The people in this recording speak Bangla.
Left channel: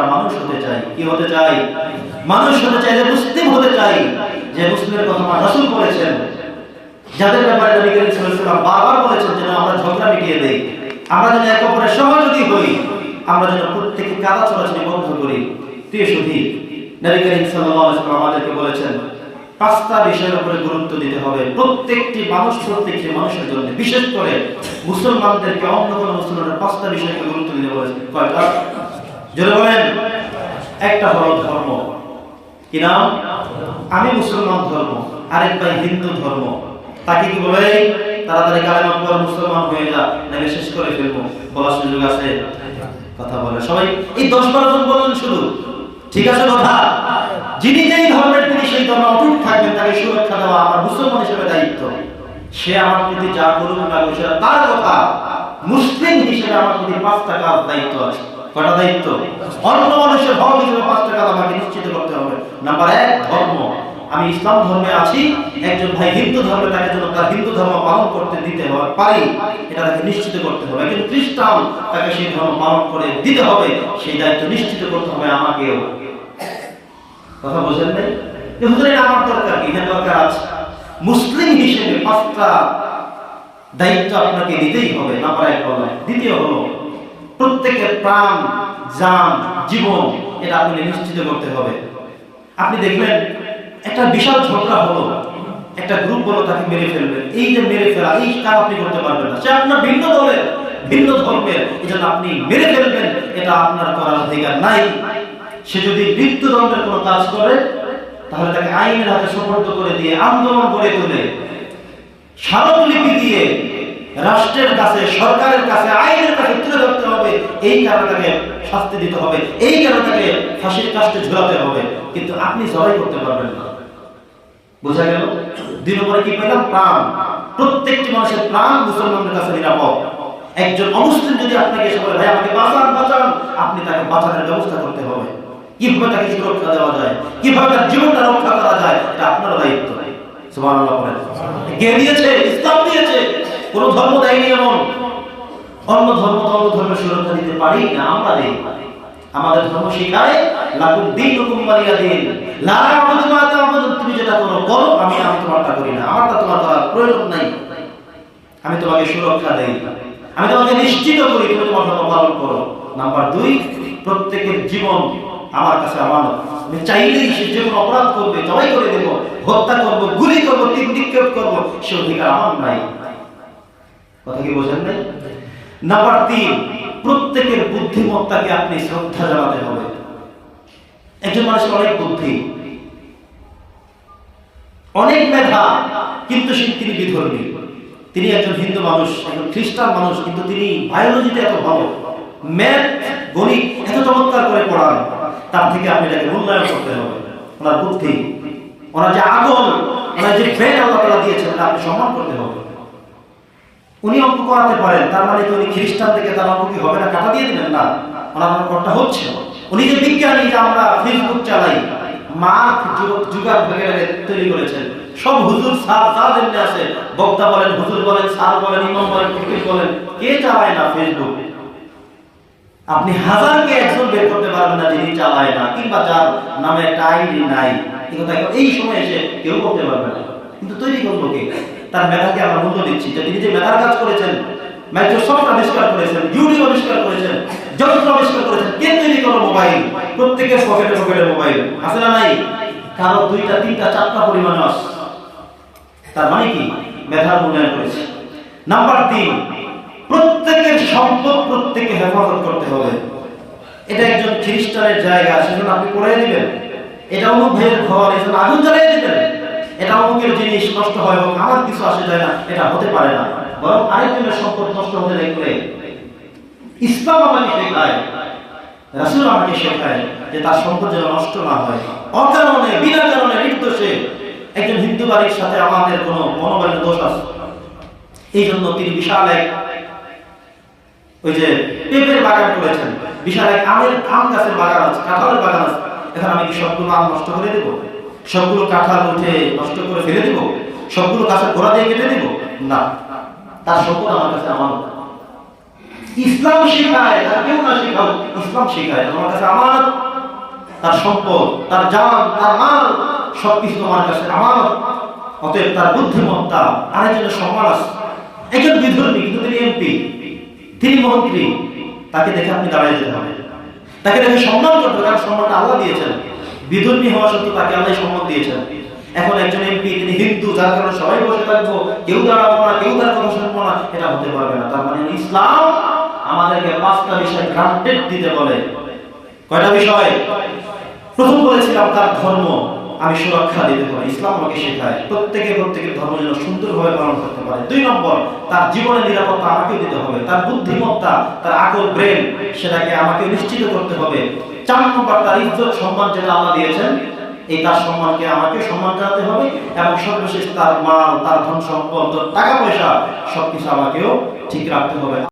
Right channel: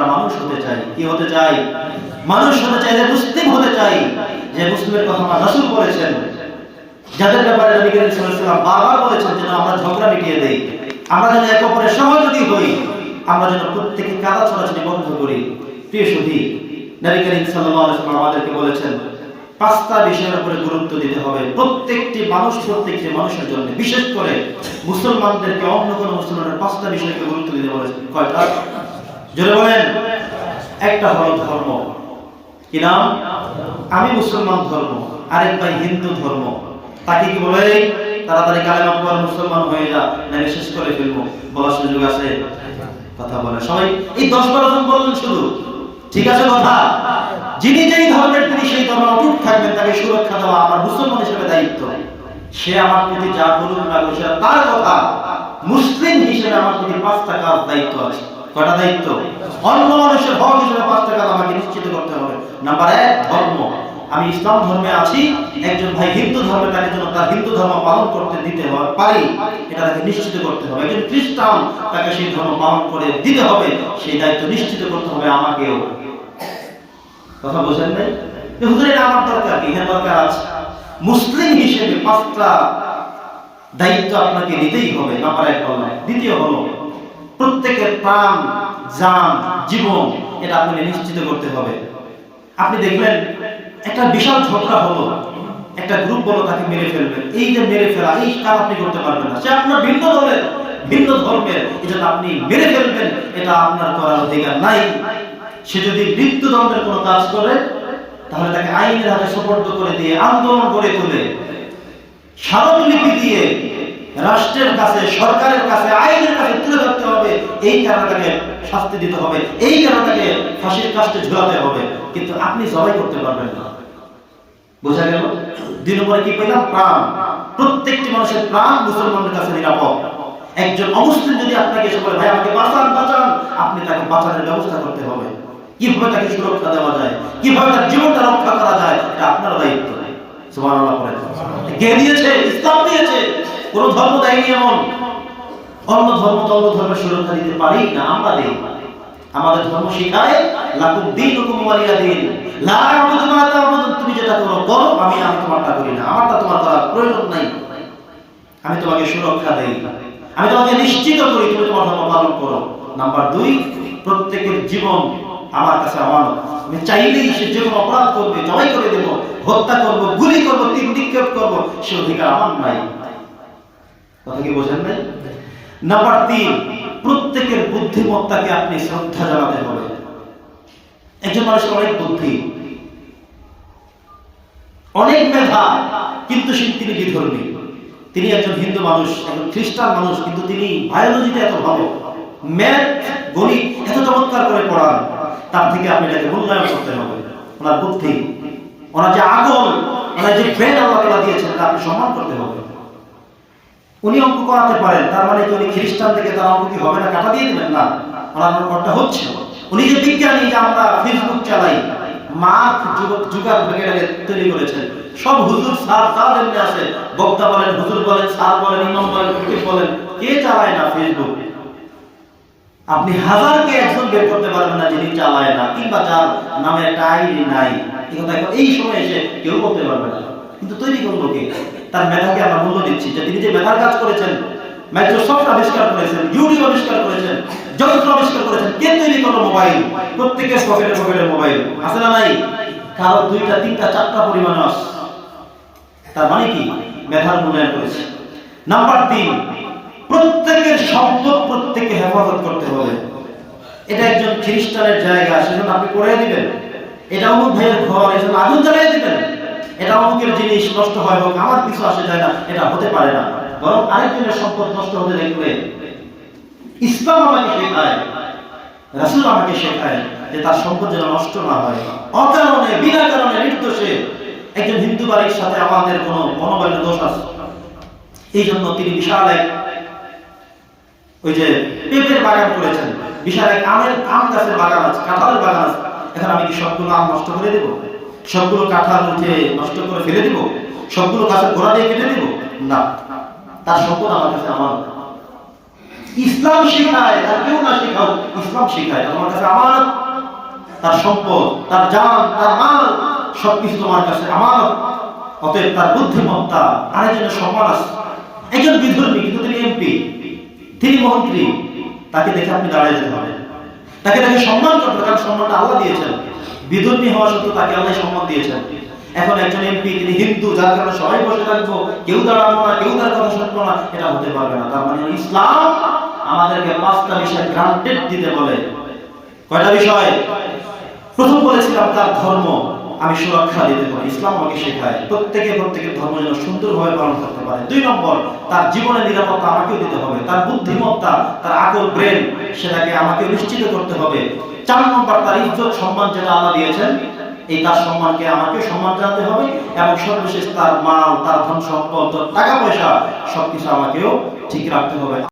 আমরা মানুষ হতে চাই। কি হতে চাই? মানুষ হতে চাই যে মুসলিম হতে চাই। যে মুসলিমের কথা আমার রাসূল বলেছেন। যাদের ব্যাপারে নবী করিম সাল্লাল্লাহু বারবার বলেছেন যেন আমরা ঝগড়া মিটিয়ে দেই, আমরা যেন একে অপরের সহযোগী হই, আমরা যেন প্রত্যেকে কাদা ছড়াছড়ি বন্ধ করি। প্রিয় সুধী নবী করিম সাল্লাল্লাহু আলাইহি আমাদেরকে বলেছেন, পাঁচটা বিষয়ের উপরে গুরুত্ব দিতে হবে। প্রত্যেকটি মানুষ প্রত্যেকটি মানুষের জন্য। বিশেষ করে মুসলমানদেরকে অন্য কোনো মুসলমানের পাঁচটা বিষয়কে গুরুত্ব দিতে বলেছেন। কয়টা? জোরে বলেন। একটা হলো ধর্ম। কি নাম? আমি মুসলমান ধর্ম, আরেক ভাই হিন্দু ধর্ম। তাকে কি বলে তাড়াতাড়ি কালেমা পড় মুসলমান হয়ে যা নাকি শেষ করে ফেলব। বলার সুযোগ আছে? কথা বলে। সবাই, এই দশ বারো জন বললেন শুধু। ঠিক আছে কথা? যিনি যেই ধর্মের, তিনি সেই ধর্মে অটুট থাকবেন, তাকে সুরক্ষা দেওয়া আমার মুসলমান হিসেবে দায়িত্ব। সে আমার প্রতি যা করুক না তার কথা। মুসলিম হিসেবে আমার প্রতি পাঁচটা কাজ দায়িত্ব আছে। কটা দায়িত্ব? অন্য মানুষের হক হিসেবে পাঁচটা কাজ আমাকে নিশ্চিত করতে হবে। নাম্বার এক, ধর্ম। আমি ইসলাম ধর্মে আছি, একজন ভাই হিন্দু ধর্মে তাকে যেন তার হিন্দু ধর্ম পালন করতে দিতে হবে পারি, এটা তাকে নিশ্চিত করতে হবে। একজন খ্রিস্টান তাকে সেই ধর্ম পালন করে দিতে হবে, সেই দায়িত্ব নিশ্চিত করতে হবে আমাকেও। কথা বোঝেন নাই? হুজুর, এটা আমার দরকার কি? হ্যাঁ দরকার আছে। মুসলিম হিসেবে পাঁচটা দায়িত্ব আপনাকে নিতেই হবে। নাম্বার এক বললাম। দ্বিতীয় হলো প্রত্যেকের প্রাণ, জান, জীবন এটা আপনাকে নিশ্চিত করতে হবে। আপনি দেখলেন, একটা বিশাল ঝগড়া হলো। একটা গ্রুপ বলো, তাকে মেরে ফেলবে। এই যে মেরে ফেলা, এই কাজ আপনি করতে পারবেন না। সে আপনার ভিন্ন দলের, ভিন্ন ধর্মের। এই জন্য আপনি মেরে ফেলবেন, এটা আপনার করার অধিকার নাই। সে যদি মৃত্যুদণ্ডের কোনো কাজ করে, তাহলে তাকে আইনের হাতে সুপর্দ করে দিয়ে আন্দোলন করে তোলে। স্মারকলিপি দিয়ে রাষ্ট্রের কাছে, সরকারের কাছে, আইনের কাছে তুলে ধরতে হবে। এই কারণে তাকে শাস্তি দিতে হবে। এই কারণে তাকে ফাঁসির কাস্টে ঝুলাতে হবে। কিন্তু আপনি সবাই করতে পারবেন না। বোঝা গেল? দিন পরে কি পেলাম? প্রাণ। প্রত্যেকটি মানুষের প্রাণ মুসলমানদের কাছে নিরাপদ। একজন অমুসলিম যদি আপনাকে এসে বলে, ভাই, আমাকে বাঁচান বাঁচান, আপনি তাকে বাঁচানোর ব্যবস্থা করতে হবে। কীভাবে তাকে সুরক্ষা দেওয়া যায়? কীভাবে তার জীবনটা রক্ষা করা যায়? এটা আপনার দায়িত্ব। সুবহানাল্লাহ পড়েন। কে দিয়েছে, ইসলাম দিয়েছে। কোন ধর্ম দেয়নি এমন। অন্য ধর্ম তো অন্য ধর্মের সুরক্ষা দিতে পারি না, আমরা দেই। আমাদের ধর্ম শিখায়, লাকুম দীনুকুম ওয়ালিয়া দিন। লা আ'বুদু মা তা'বুদুন। তুমি যেটা করো করো। আমি আমি তোমারটা করি না। আমারটা তোমার করার প্রয়োজন নাই। আমি তোমাকে সুরক্ষা দেই। আমি তোমাকে নিশ্চিত করি, তুমি তোমার ধর্ম পালন করো। নাম্বার দুই, প্রত্যেকের জীবন আমার কাছে আমানত। আমি চাইলেই সে যে কোনো অপরাধ করবে, জবাই করে দেব, হত্যা করব, গুলি করব, তিন নিক্ষেপ করব, সে অধিকার আমার নাই। কথা কি বোঝেন নাই? নাম্বার তিন প্রত্যেকের বুদ্ধিমত্তাকে আপনি শ্রদ্ধা জানাতে হবে। একজন মানুষের অনেক বুদ্ধি, অনেক মেধা, কিন্তু সে তিনি বিধর্মী। তিনি একজন হিন্দু মানুষ, একজন খ্রিস্টান মানুষ, কিন্তু তিনি বায়োলজিতে এত ভালো ম্যাথ গণিত এত চমৎকার করে পড়ান, তার থেকে আপনি এটাকে মূল্যায়ন করতে হবে। ওনার বুদ্ধি, ওনার যে আগল, ওনার যে ব্রেন আল্লাহ দিয়েছেন, এটা আপনি সম্মান করতে হবে। উনি অঙ্ক করাতে পারেন, তার মানে কি উনি খ্রিস্টান থেকে তার অঙ্ক কি হবে না? কাটা দিয়ে দিবেন না। ওনার অঙ্কটা হচ্ছে। উনি যে বিজ্ঞানী যে আমরা ফেসবুক চালাই, মার্ক ভেঙে তৈরি করেছেন। সব হুজুর এমনি আছে। বক্তা বলেন, হুজুর বলেন বলেন, ইমাম বলেন, ফকির বলেন, কে চালায় না ফেসবুক? আপনি হাজারকে একজন বের করতে পারবেন না যিনি চালায় না, কিংবা যার নামে একটা আইডি নাই। এই সময় এসে কেউ বলতে পারবে না। কিন্তু তৈরি করল কে? তার মেধাকে আমরা মূল্য দিচ্ছি। যে তিনি যে মেধার কাজ করেছেন মাইক্রোসফট আবিষ্কার করেছেন ইউটিউব আবিষ্কার করেছেন, যন্ত্র আবিষ্কার করেছেন, কে তৈরি করল মোবাইল প্রত্যেকের পকেটে পকেটে মোবাইল আছে না নাই? কারও দুইটা, তিনটা, চারটা পরিমাণ আস তার মানে কি? মেধার মূল্যায়ন করেছে। নাম্বার তিন, প্রত্যেকের সম্পদ প্রত্যেককে হেফাজত করতে হবে। এটা একজন খ্রিস্টানের জায়গা, সেজন্য আপনি করে দিবেন। এটা অমুক ঘর, এজন্য আগুন জ্বালিয়ে দিবেন। এটা অমুকের জিনিস নষ্ট হয় হোক, আমার কিছু আসে যায় না, এটা হতে পারে না। বরং আরেকজনের সম্পদ নষ্ট হতে দেখলে ইসলাম আমাকে শেখায়, রাসূল আমাকে শেখায় যে তার সম্পদ যেন নষ্ট না হয়। অকারণে, বিনা কারণে, নির্দোষে একজন হিন্দু বাড়ির সাথে আমাদের কোনো মনোবলের দোষ আছে? এই জন্য তিনি বিশাল এক ওই যে পেঁপের বাগান করেছেন। বিশাল এক আমের আম গাছের বাগান আছে, কাঁঠালের বাগান আছে। এখন আমি কি সবগুলো আম নষ্ট করে দেব? সবগুলো কাঁঠাল উঠে নষ্ট করে ফেলে দিব? সবগুলো গাছের গোড়া দিয়ে কেটে দিব? না। তার সম্পদ আমার কাছে আমার ইসলাম শেখায় আর কেউ না শেখাও। ইসলাম শেখায়, তোমার কাছে আমানত। তার সম্পদ, তার জান, তার মাল, সবকিছু তোমার কাছে আমানত। অতএব তার বুদ্ধিমত্তা, আরেকজনের সম্মান আছে। একজন বিধর্মী, কিন্তু তিনি এমপি। তিনি মন্ত্রী। তাকে দেখে আপনি দাঁড়িয়ে যেতে হবে তাকে দেখে সম্মান করতে হবে, কারণ সম্মানটা আল্লাহ দিয়েছেন। বিধর্মী হওয়া সত্ত্বেও তাকে আল্লাহ সম্মান দিয়েছেন। এখন একজন এমপি, তিনি হিন্দু, যার কারণে সবাই বসে থাকব, কেউ দাঁড়াবো না, কেউ তার কথা শুনব না এটা হতে পারবে না। তার মানে ইসলাম আমাদেরকে পাঁচটা বিষয় গ্রান্টেড দিতে বলে। কয়টা বিষয়? প্রথম বলেছিলাম তার ধর্ম, আমি সুরক্ষা দিতে পারি। ইসলাম আমাকে শেখায়, প্রত্যেকে প্রত্যেকের ধর্ম যেন সুন্দরভাবে পালন করতে পারে। দুই নম্বর, তার জীবনের নিরাপত্তা আমাকেও দিতে হবে। তার বুদ্ধিমত্তা, তার আকল ব্রেন, সেটাকে আমাকে নিশ্চিত করতে হবে। চার নম্বর তার ইজ্জত, সম্মান যেটা আল্লাহ দিয়েছেন, এই তার সম্মানকে আমাকে সম্মান জানাতে হবে এবং সর্বশেষ তার মাল, তার ধন সম্পদ টাকা পয়সা, সবকিছু আমাকেও ঠিক রাখতে হবে।